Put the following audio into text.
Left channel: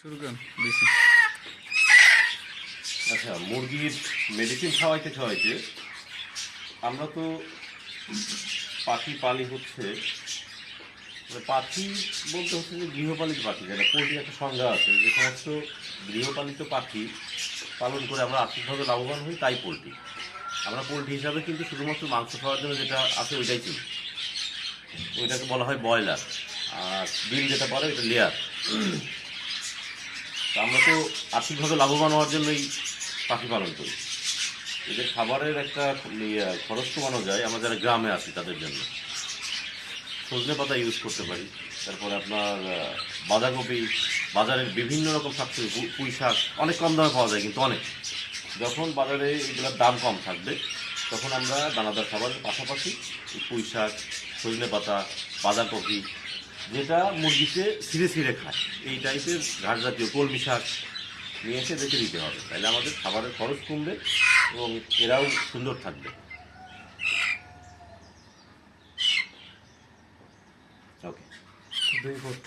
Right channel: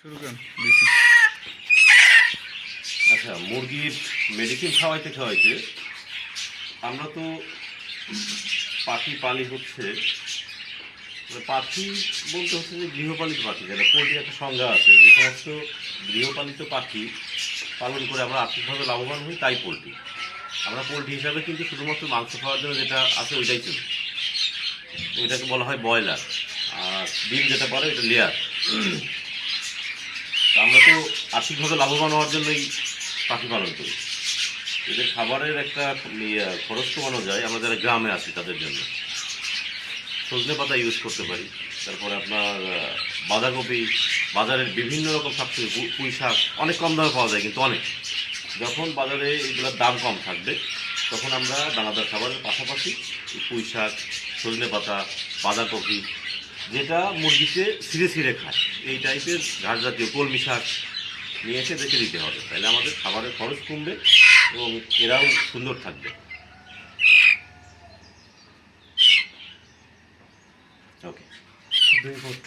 শুরু করেন বেশি। আচ্ছা, মুরগির মেডিসিন খাওয়াইতে খাওয়াইতে আমরা তো পাখি পালি হচ্ছে, মানে পাখি বলতে হচ্ছে যে গৃহপালিত পাখি, যেটা পোলট্রির একটা সংজ্ঞা আছে। যে সমস্ত গৃহপালিত পাখি পালন করে আমরা আর্থিকভাবে লাভবান হই, তাই পোলট্রি। আমরা পোলট্রি হিসাবে কিন্তু শুধুমাত্র মাংস খাওয়ার জন্য যেটা আছে ওইটাই কিনি, ওইটাকে বলা হয় ব্রয়লার। আর ডিম যেটা পারে ওইটা লেয়ার। তা আমরা তো আর্থিকভাবে লাভবান হওয়ার জন্যই পাখি পালন করি। এদের খাবারের একটা খরচ কমানো যায় আমরা যারা গ্রামে আছি তাদের জন্য। সজনে পাতা ইউজ করতে পারি। তারপরে আপনার বাঁধাকপি, বাজারের বিভিন্ন রকম শাকসবজি, পুঁই শাক অনেক কম দামে পাওয়া যায়, কিন্তু অনেক। যখন বাজারে এগুলোর দাম কম থাকবে তখন আমরা দানাদার খাবারের পাশাপাশি এই পুঁই শাক, সজনে পাতা, বাঁধাকপি, যেটা মুরগিতে ছিঁড়ে ছিঁড়ে খায়, এই টাইপের ঘাস জাতীয় কলমি শাক নিয়ে এসে রেখে দিতে হবে। তাহলে আমাদের খাবারের খরচ কমবে এবং এরাও সুন্দর থাকবে। ওকে। দুই ফুট